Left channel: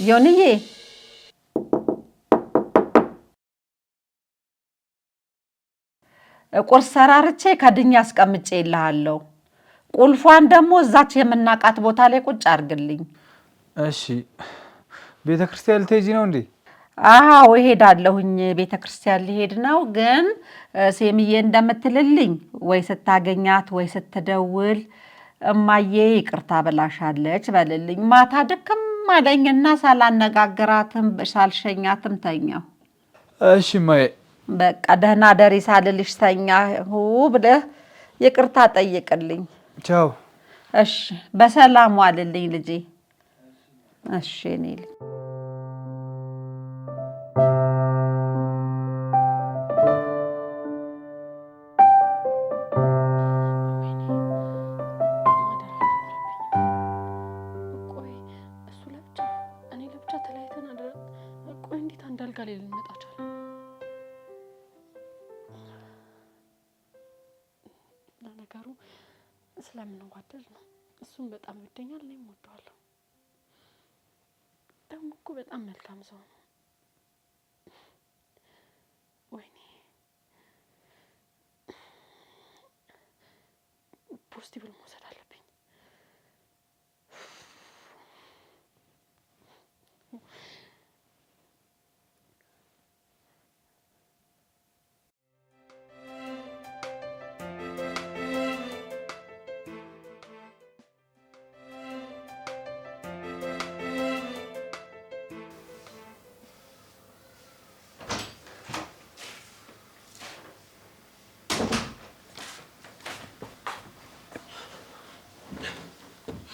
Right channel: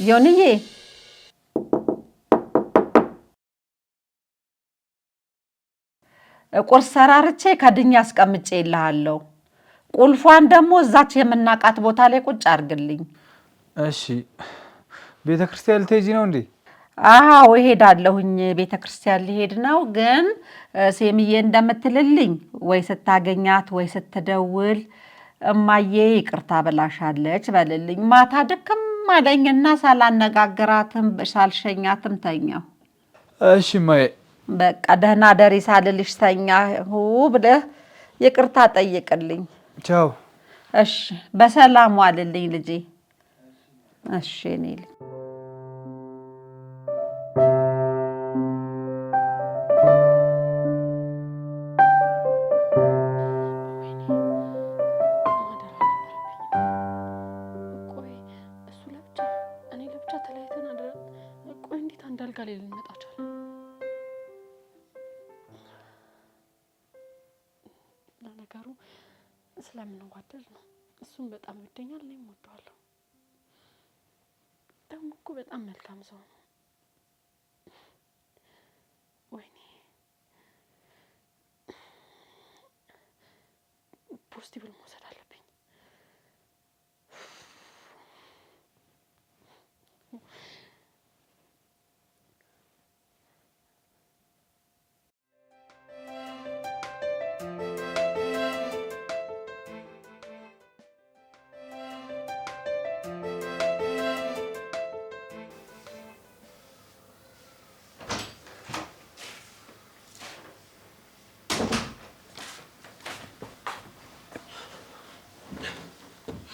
ዮኒዬ ቁርስ ሰራርቼ ከድኛ አስቀምጬ ይልሃለሁ። ቁልፏን ደግሞ እዛች የምናቃት ቦታ ላይ ቁጭ አድርግልኝ። እሺ። ቤተክርስቲያን ልትሄጂ ነው እንዴ? አዎ እሄዳለሁኝ። ቤተክርስቲያን ሊሄድ ነው። ግን ሴምዬ እንደምትልልኝ ወይ ስታገኛት ወይ ስትደውል እማዬ ይቅርታ ብላሻለች በልልኝ። ማታ ድክም አለኝና ሳላነጋግራትም ሳልሸኛትም ተኛሁ። እሺ እማዬ። በቃ ደህና ደሪ ሳልልሽ ተኛሁ ብለህ ይቅርታ ጠይቅልኝ። ቻው። እሺ በሰላም ዋልልኝ ልጄ። እሺ እኔ ልጅ ተለያይተን አደረ። ቆይ እንዴት አንድ አልጋ ላይ ልንመጣ ቻለ? ለነገሩ ስለምንዋደድ ነው። እሱም በጣም ይወደኛል፣ እኔም እወደዋለሁ። ደግሞ እኮ በጣም መልካም ሰው ነው። ወይኔ ፖስቲቭል መውሰድ አለብኝ።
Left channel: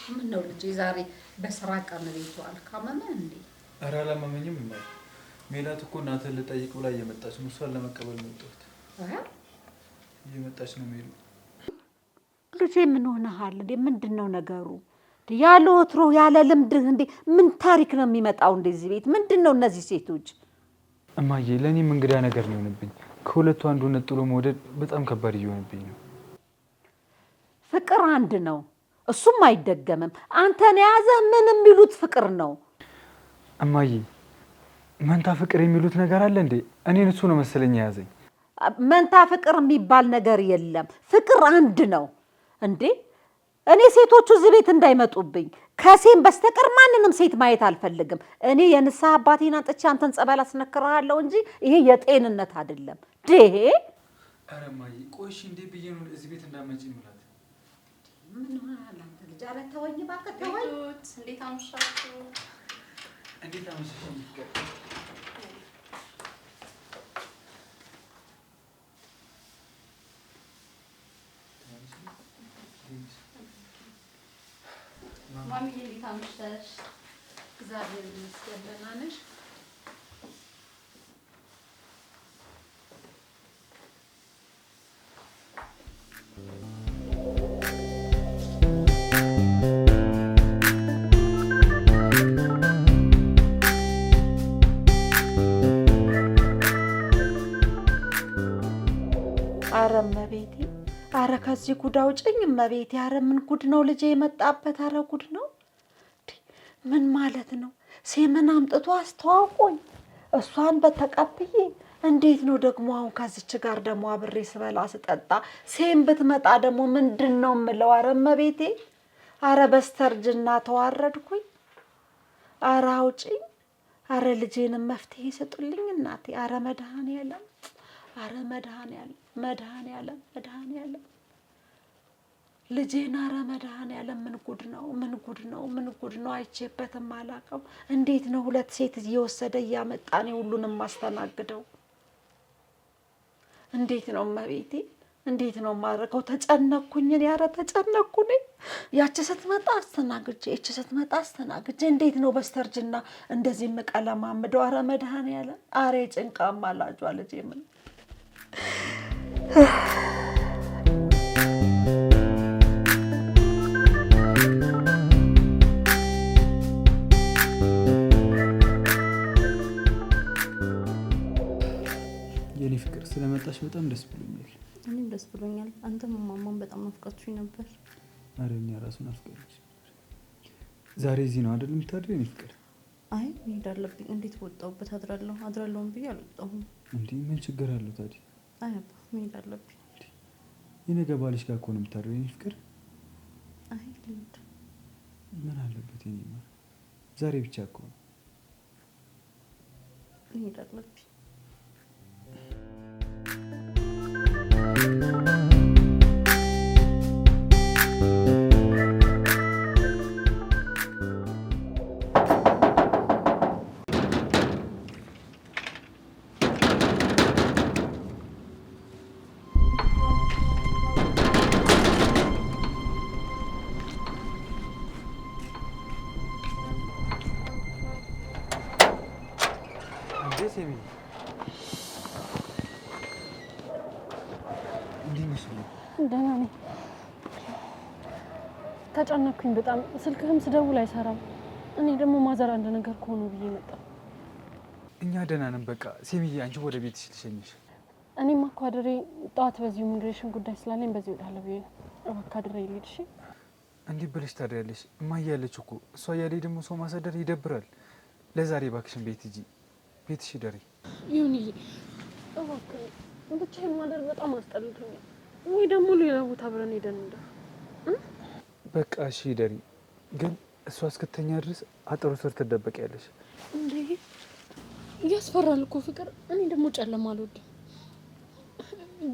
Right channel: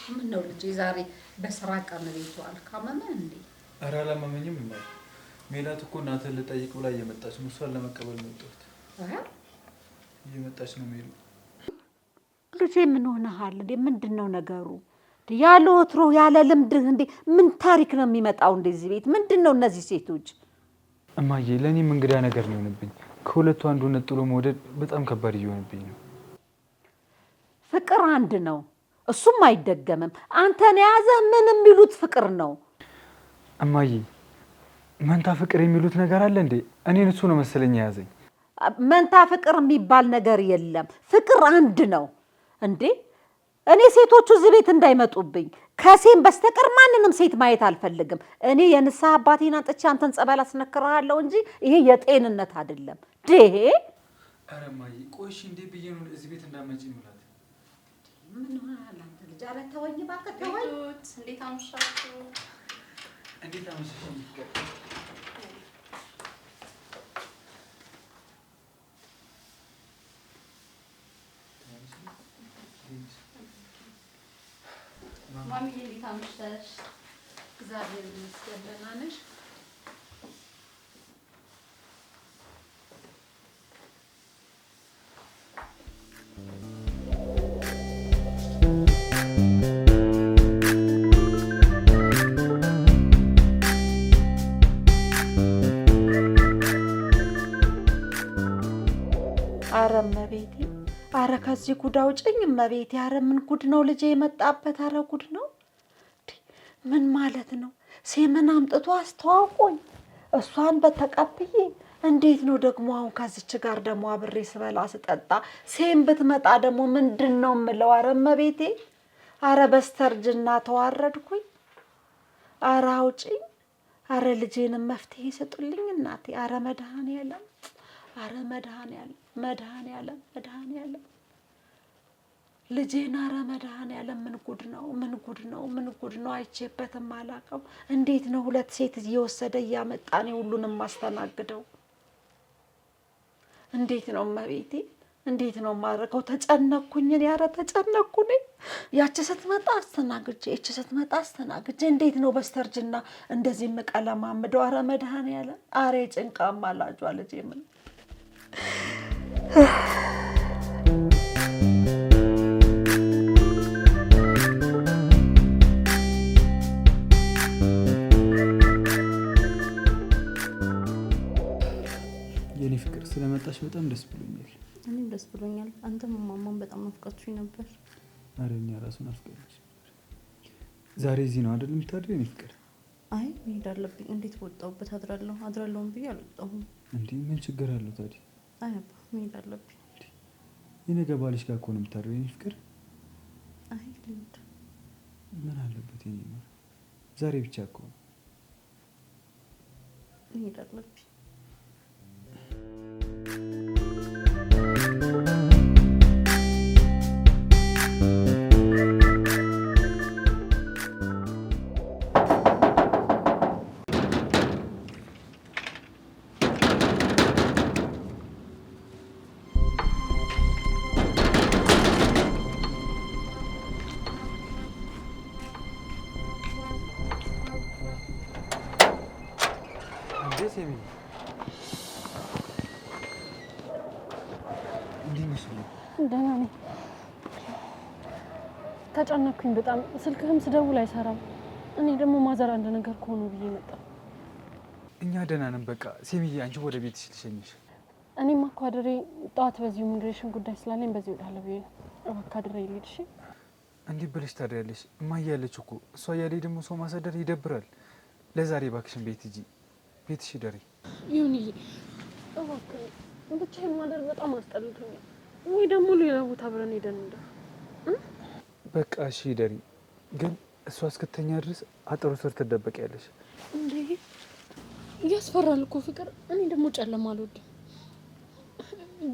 ምን ነው ልጄ ዛሬ በስራ ቀን ቤቱ አልካመመህ እንዴ? ኧረ አላመመኝም እማዬ። ሜላት እኮ እናትህን ልጠይቅ ብላ እየመጣች ነው። እሷን ለመቀበል ነው የወጣሁት። እየመጣች ነው ሜሉ። ልጄ ምን ሆነሃል እንዴ? ምንድነው ነገሩ? ያለ ወትሮ ያለ ልምድህ እንዴ ምን ታሪክ ነው የሚመጣው እንደዚህ ቤት? ምንድነው እነዚህ ሴቶች? እማዬ ለእኔም እንግዳ ነገር ነው የሆነብኝ። ከሁለቱ አንዱ ነጥሎ መውደድ በጣም ከባድ እየሆነብኝ ነው። ፍቅር አንድ ነው፣ እሱም አይደገምም። አንተን የያዘህ ምን የሚሉት ፍቅር ነው? እማዬ መንታ ፍቅር የሚሉት ነገር አለ እንዴ? እኔን እሱ ነው መሰለኝ የያዘኝ። መንታ ፍቅር የሚባል ነገር የለም። ፍቅር አንድ ነው እንዴ። እኔ ሴቶቹ እዚህ ቤት እንዳይመጡብኝ ከሴም በስተቀር ማንንም ሴት ማየት አልፈልግም። እኔ የንስሐ አባቴን አንጥቼ አንተን ጸበል አስነክርሃለሁ እንጂ ይሄ የጤንነት አይደለም። ዴሄ ኧረ እማዬ ቆይሽ እንዴ ብዬ ነው እዚህ ቤት እንዳመጪ ምላት። ምን ሆነሃል አንተ ልጅ? ኧረ ተወኝ እባክህ ተወኝ። እንዴት አመሻችሁ? እንዴት አመሻሽ? ማሚዬ እንዴት አመሻሽ? እግዚአብሔር ይመስገን ደህና ነሽ? ኧረ እመቤቴ፣ ኧረ ከዚህ ጉድ አውጭኝ እመቤቴ። ኧረ ምን ጉድ ነው ልጄ የመጣበት? ኧረ ጉድ ነው። ምን ማለት ነው? ሴምን አምጥቶ አስተዋውቆኝ እሷን በተቀብዬ እንዴት ነው ደግሞ አሁን ከዚች ጋር ደግሞ አብሬ ስበላ ስጠጣ ሴም ብትመጣ ደግሞ ምንድን ነው የምለው? ኧረ እመቤቴ፣ ኧረ በስተርጅና ተዋረድኩኝ። ኧረ አውጭኝ። ኧረ ልጄንም መፍትሄ ስጡልኝ እናቴ። ኧረ መድኃኔዓለም፣ ኧረ መድኃኔዓለም፣ መድኃኔዓለም፣ መድኃኔዓለም ልጄን። ኧረ መድኃኔዓለም ምን ጉድ ነው? ምን ጉድ ነው? ምን ጉድ ነው? አይቼበትም አላውቀው። እንዴት ነው ሁለት ሴት እየወሰደ እያመጣ እኔ ሁሉንም ማስተናግደው? እንዴት ነው እመቤቴ? እንዴት ነው የማደርገው? ተጨነኩኝ እኔ። ኧረ ተጨነኩ እኔ። ያቺ ስትመጣ አስተናግጄ፣ ይቺ ስትመጣ አስተናግጄ፣ እንዴት ነው በስተርጅና እንደዚህ የምቀለማምደው? ኧረ መድኃኔዓለም፣ ኧረ ጭንቃ አማላጇ ልጄ ምን የኔ ፍቅር ስለመጣሽ በጣም ደስ ብሎኛል። እኔም ደስ ብሎኛል። አንተም ማማን በጣም ናፍቃችሁኝ ነበር። ኧረ እኛ ራሱ ናፍቀንሽ ነበር። ዛሬ እዚህ ነው አይደል የምታድሪው የኔ ፍቅር? አይ መሄድ አለብኝ። እንዴት ወጣሁበት አድራለሁም ብዬ አልወጣሁም። እንዴ ምን ችግር አለው ታዲያ? አይ አባ መሄድ አለብኝ። የነገ ባልሽ ጋር እኮ ነው የምታድረው የኔ ፍቅር። አይ ልሂድ። ምን አለበት የኔ ማር፣ ዛሬ ብቻ እኮ ነው። መሄድ አለብኝ። ሴሚ እንዴት ነሽ? ደህና ነኝ። ተጨነኩኝ በጣም። ስልክህም ስደውል አይሰራም። እኔ ደግሞ ማዘር አንድ ነገር ከሆኑ ብዬ መጣ። እኛ ደህና ነን። በቃ ሴሚዬ አንቺ ወደ ቤትሽ ልሸኝሽ። እኔማ እኮ አድሬ ጠዋት በዚሁ ኢሚግሬሽን ጉዳይ ስላለኝ በዚህ እወጣለሁ ብዬ ነው። እባክህ አድሬ ልሂድ። እሺ እንዴት ብለሽ ታድሪያለሽ? እማዬ ያለች እኮ እሷ እያለኝ ደግሞ ሰው ማሳደር ይደብራል። ለዛሬ እባክሽን ቤት ሂጂ፣ ቤትሽ ደሪ። ይሁንዬ እባክህ ብቻዬን ማደር በጣም አስጠልቶኛል። ወይ ደግሞ ሌላ ቦታ አብረን ሄደን እንደ በቃ እሺ ደሪ። ግን እሷ እስክተኛ ድረስ አጥሩ ስር ትደበቂያለሽ። እንዴ ያስፈራል እኮ ፍቅር። እኔ ደግሞ ጨለማ አልወድም።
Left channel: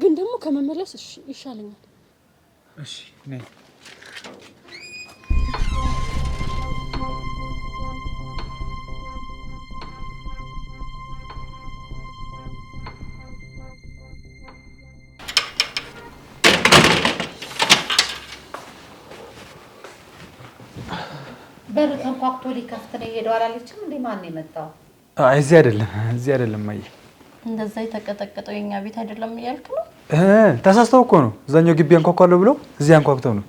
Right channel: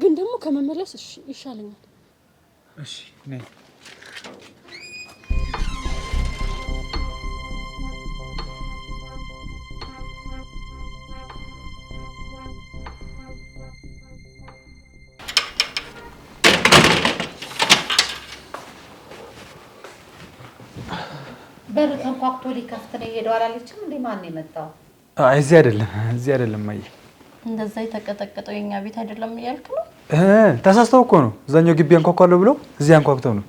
ግን ደግሞ ከመመለስ እሺ ይሻለኛል። እሺ ነይ። በር ተንኳኩቶ ሊከፍት ነው የሄደው አላለችም እንዴ? ማን የመጣው? እዚህ አይደለም ማየ። እንደዛ የተቀጠቀጠው የኛ ቤት አይደለም እያልክ ነው? ተሳስተው እኮ ነው። እዛኛው ግቢ አንኳኳለሁ ብለው እዚህ አንኳኩተው ነው።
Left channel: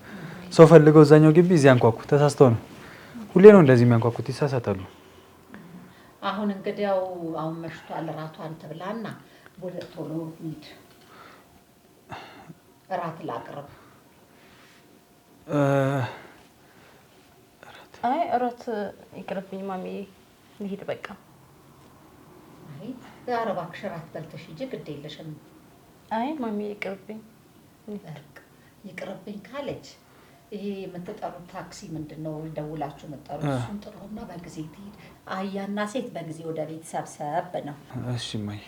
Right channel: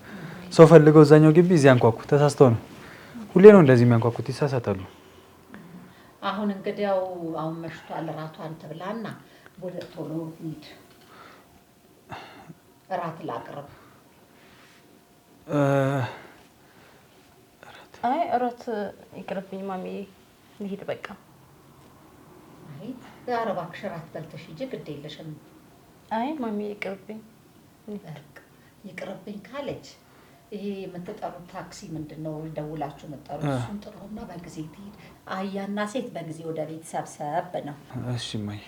ሰው ፈልገው እዛኛው ግቢ እዚህ አንኳኩ። ተሳስተው ነው። ሁሌ ነው እንደዚህ የሚያንኳኩት፣ ይሳሳታሉ። አሁን እንግዲያው አሁን መሽቷል። እራቷን ትብላና ወደ ቶሎ ሂድ። እራት ላቅርብ። አይ እራት ይቅርብኝ ማሚዬ፣ ልሂድ በቃ። አይ ዛሬ እባክሽ እራት በልተሽ ሂጂ፣ ግድ የለሽም። አይ ማሚዬ ይቅርብኝ። ይቅርብኝ ካለች ይሄ የምትጠሩት ታክሲ ምንድነው ደውላችሁ የምትጠሩት? እሱን ጥሩና በጊዜ ትሄድ። አህያና ሴት በጊዜ ወደ ቤት ሰብሰብ ነው። እሺ ማይ።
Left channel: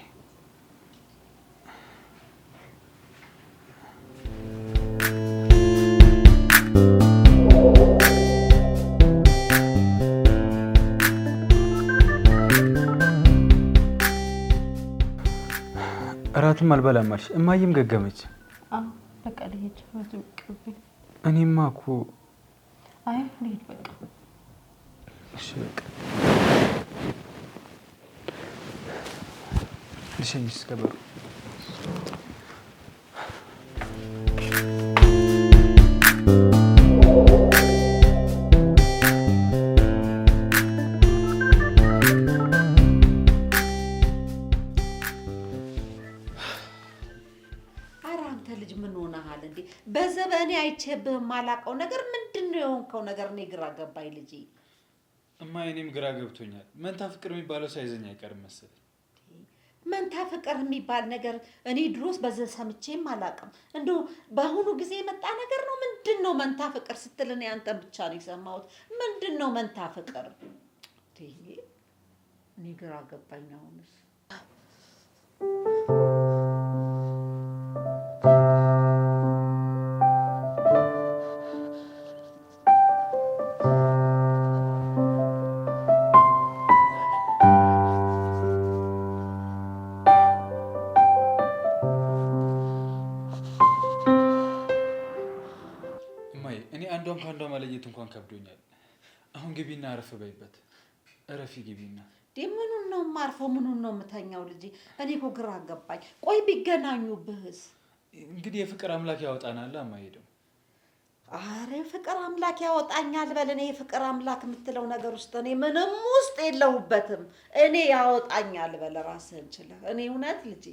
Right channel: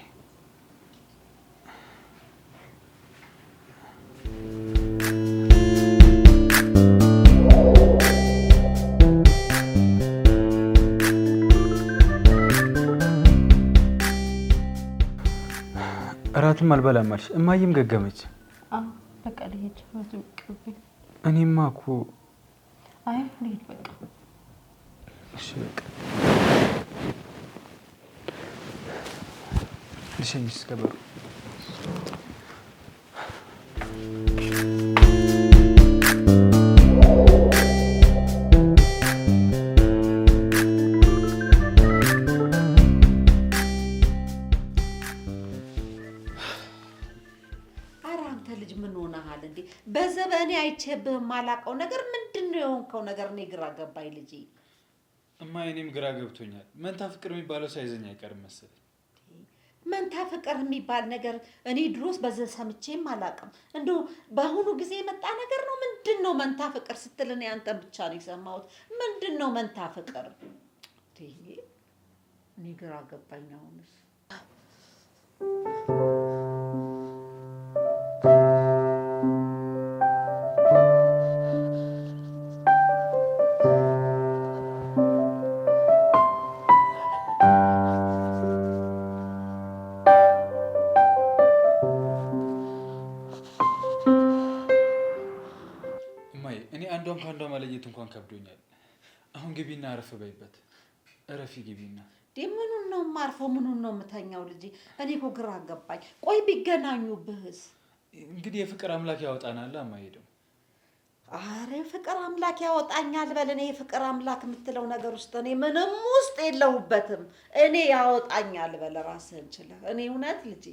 እራትም አልበላም አልሽ። እማዬም ገገመች። አዎ በቃ ልሂድ። እራቱ ይቅርብኝ። እኔማ እኮ አይ ልሂድ በቃ። እሺ በቃ ልሸኝሽ እስከ በሩ። በዘበኔ አይቼብህ የማላውቀው ነገር ምንድነው የሆንከው ነገር? እኔ ግራ ገባኝ ልጄ። እማ እኔም ግራ ገብቶኛል። መንታ ፍቅር የሚባለው ሳይዘኝ አይቀርም መሰለኝ። መንታ ፍቅር የሚባል ነገር እኔ ድሮስ በዚህ ሰምቼም አላውቅም። እንደው በአሁኑ ጊዜ የመጣ ነገር ነው። ምንድነው መንታ ፍቅር ስትል እኔ አንተን ብቻ ነው የሰማሁት። ምንድነው መንታ ፍቅር? እኔ ግራ ገባኝ አሁንስ። አንዷን ከአንዷ መለየት እንኳን ከብዶኛል። አሁን ግቢና አረፍ በይበት። እረፊ ግቢና። ምኑን ነው የማርፈው? ምኑን ነው የምተኛው ልጄ? እኔ እኮ ግራ ገባኝ። ቆይ ቢገናኙብህስ? እንግዲህ የፍቅር አምላክ ያወጣናል። አማሄደው አረ ፍቅር አምላክ ያወጣኛል በል። እኔ የፍቅር አምላክ የምትለው ነገር ውስጥ እኔ ምንም ውስጥ የለሁበትም። እኔ ያወጣኛል በል ራስህን ችለህ። እኔ እውነት ልጄ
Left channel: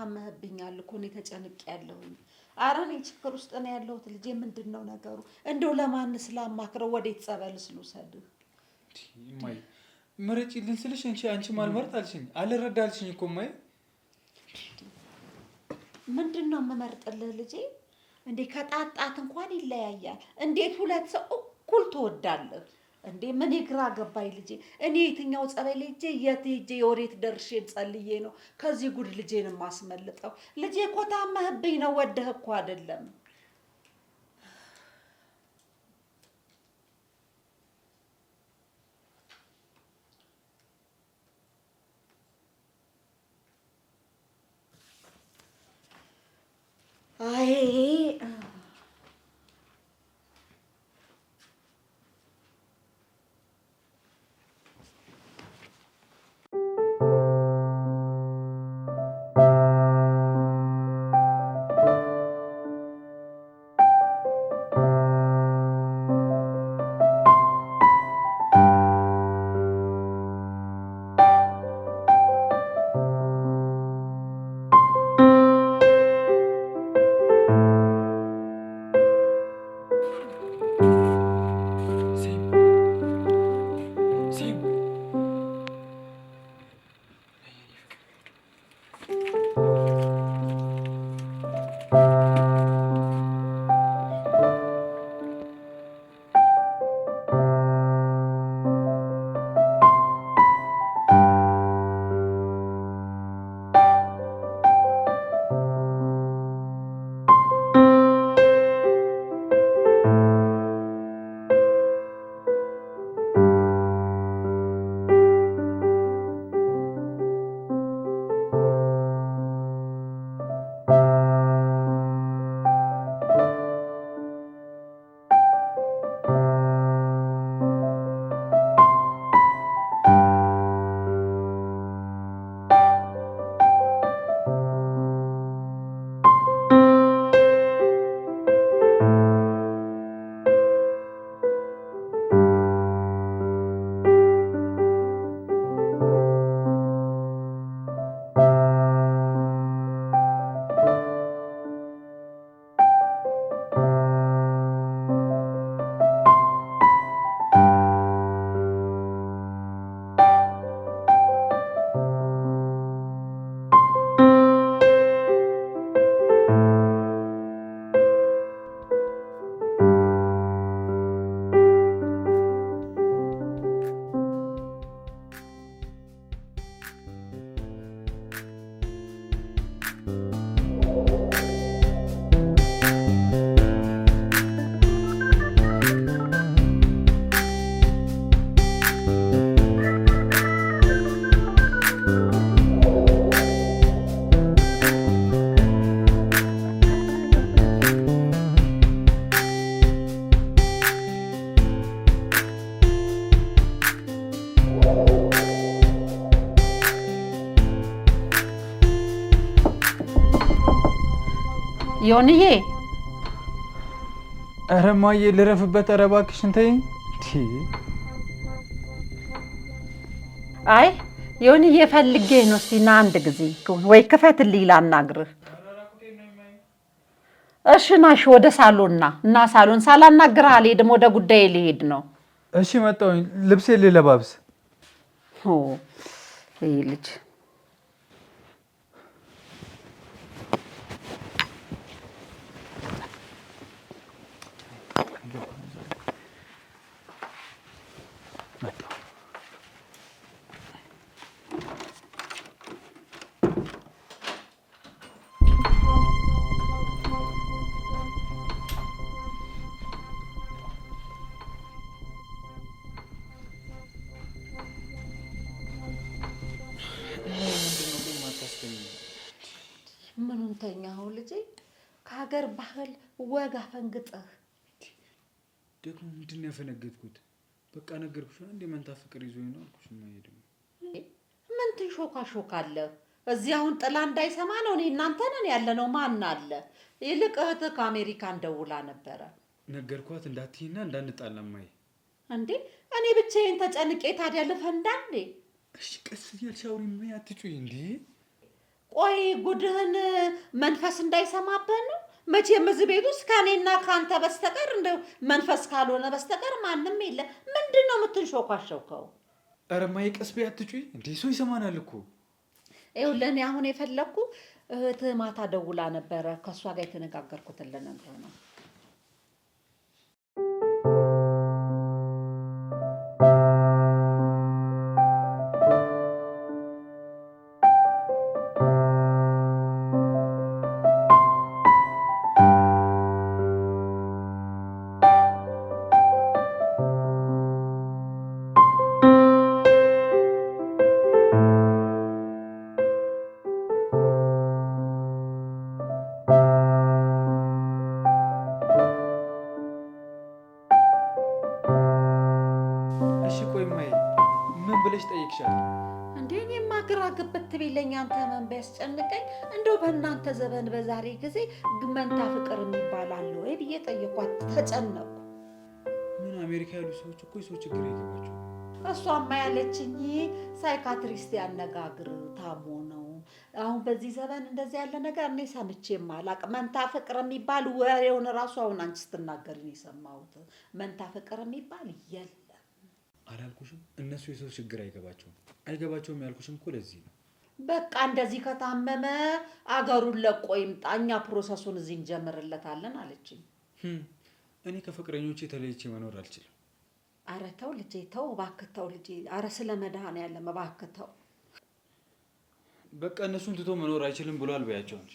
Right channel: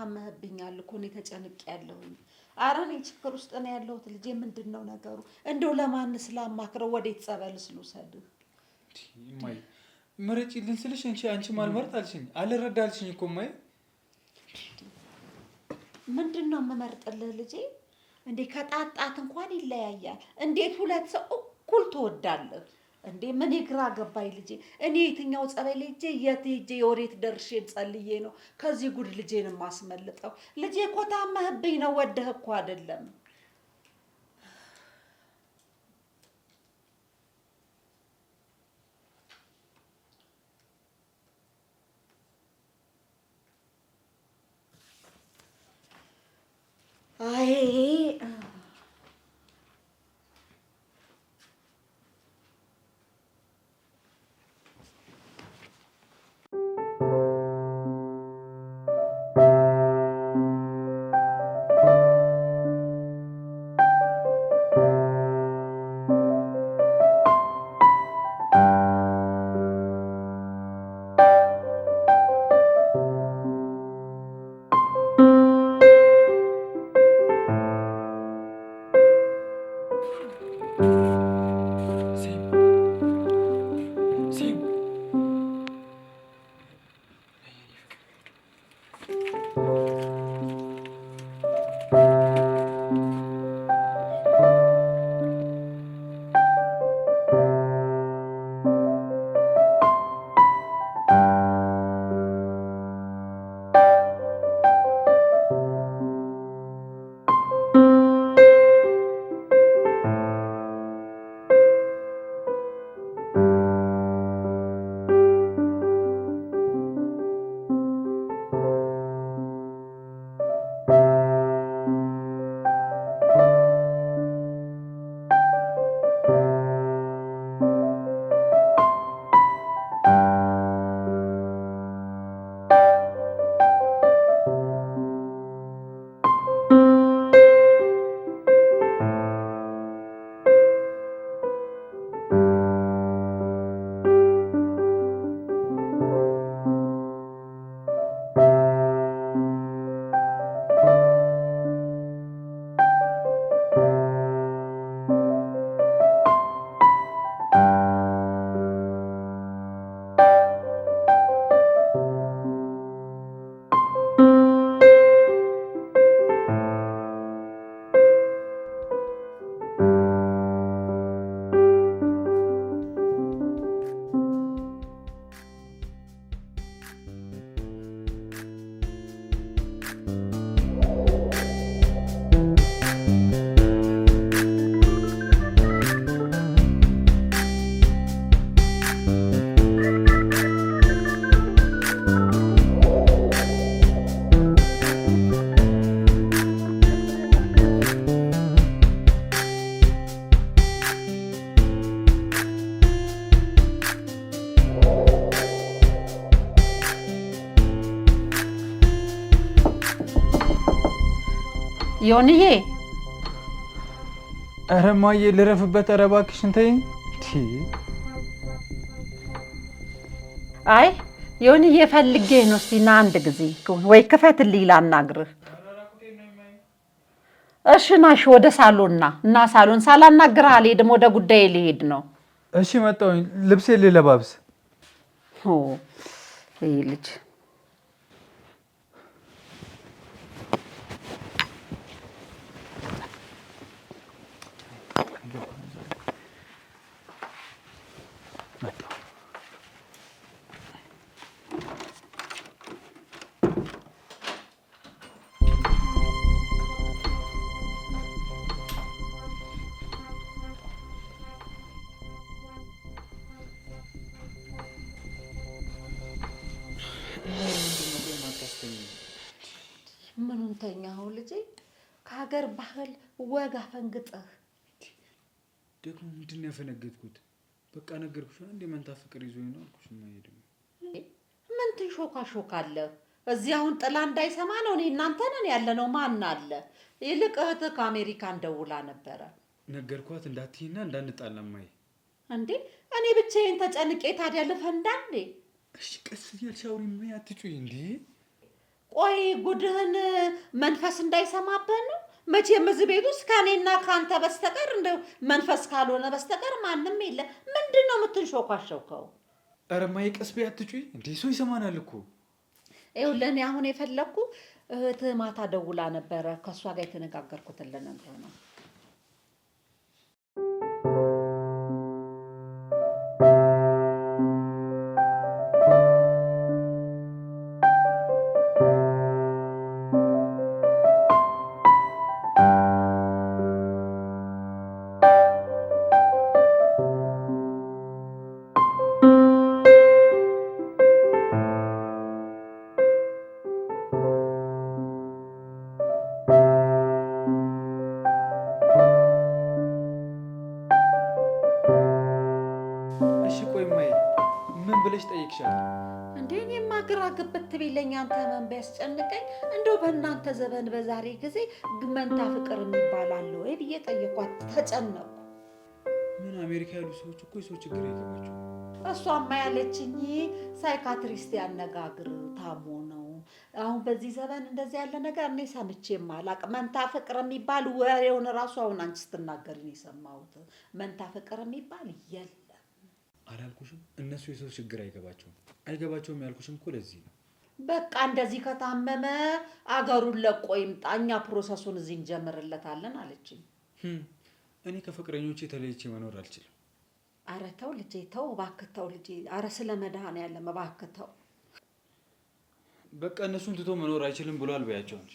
ታመህብኛል እኮ እኔ ተጨንቄያለሁኝ። ኧረ እኔ ችግር ውስጥ ነው ያለሁት ልጄ። ምንድን ነው ነገሩ? እንደው ለማንስ ላማክረው? ወዴት ጸበልስ ልውሰድህ? እማዬ ምረጪልኝ ስልሽ አንቺ ማልመርጥ አልሽኝ። አልረዳ አልሽኝ እኮ እማዬ። ምንድን ነው የምመርጥልህ ልጄ? እንዴ ከጣጣት እንኳን ይለያያል። እንዴት ሁለት ሰው እኩል ትወዳለህ እንዴ? ምን ግራ ገባኝ ልጄ። እኔ የትኛው ጸበል ሄጄ የት ሄጄ የወዴት ደርሼ ጸልዬ ነው ከዚህ ጉድ ልጄን የማስመልጠው? ልጄ እኮ ታመህብኝ ነው፣ ወደህ እኮ አይደለም። አይ ዮንዬ፣ ኧረ እማዬ ልረፍበት። ኧረ እባክሽን ተይኝ። አይ ዮንዬ ፈልጌ ነው። እስቲ ና አንድ ጊዜ ወይ ክፈትልኝ ላናግርህ። እሺ ናሽ ወደ ሳሎን ና እና ሳሎን ሳላናግርህ አልሄድም። ወደ ጉዳይ ልሄድ ነው። እሺ መጣሁኝ። ልብሴ ልለባብስ። ይሄ ልጅ ምኑን ተኛኸው ልጄ? ከሀገር ባህል ወግ አፈንግጠህ ደግሞ ምንድን ነው ያፈነገጥኩት? በቃ ነገርኩሽ። አንዴ መንታ ፍቅር ይዞኝ ነው አልኩሽ። ደግሞ ምን ትሾካሾካለህ? እዚህ አሁን ጥላ እንዳይሰማ ነው። እኔ እናንተ ነን ያለነው። ማን አለ? ይልቅ እህትህ ከአሜሪካን ደውላ ነበረ። ነገርኳት እንዳትይና እንዳንጣላ እማዬ። እንዴ እኔ ብቻዬን ተጨንቄ ታዲያ ልፈንዳ እንዴ? እሺ ቀስ እያልሽ አውሪ እማዬ፣ አትጩይ እንዴ። ቆይ ጉድህን መንፈስ እንዳይሰማበት ነው። መቼም እዚህ ቤት ውስጥ ከእኔና ከአንተ በስተቀር እንደው መንፈስ ካልሆነ በስተቀር ማንም የለ። ምንድን ነው የምትንሾካሸውከው? ኧረ እማዬ ቀስ በይ አትጩይ እንዴ! ሰው ይሰማናል እኮ። ይኸውልህ እኔ አሁን የፈለግኩ እህትህ ማታ ደውላ ነበረ። ከእሷ ጋር የተነጋገርኩትን ልነግርህ ነው። እሺ ቆይ እማዬ ምን ብለሽ ጠይቅሻል? እንዴ እኔማ ግራ ግብት ቢለኝ አንተ ምን ቢያስጨንቀኝ፣ እንደው በእናንተ ዘመን በዛሬ ጊዜ መንታ ፍቅር የሚባል አለ ወይ ብዬ ጠየኳት። ተጨነቅኩ። ምን አሜሪካ ያሉ ሰዎች እኮ የሰው ችግር አይገባቸውም። እሷማ ያለችኝ ሳይካትሪስት ያነጋግር ታሞ ነው። አሁን በዚህ ዘመን እንደዚህ ያለ ነገር እኔ ሰምቼም አላቅም። መንታ ፍቅር የሚባል ወሬውን እራሱ አሁን አንቺ ስትናገር ነው የሰማሁት። መንታ ፍቅር የሚባል የለም። አላልኩሽም? እነሱ የሰው ችግር አይገባቸውም ያልኩሽም እኮ ለዚህ ነው። በቃ እንደዚህ ከታመመ አገሩን ለቆ ይምጣ፣ እኛ ፕሮሰሱን እዚህ እንጀምርለታለን አለችኝ። እኔ ከፍቅረኞቼ ተለይቼ መኖር አልችልም። አረ ተው ልጄ ተው፣ እባክህ ተው ልጄ። አረ ስለ መድኃኒዓለም እባክህ ተው። በቃ እነሱን ትቶ መኖር አይችልም ብሏል በያቸው እንጂ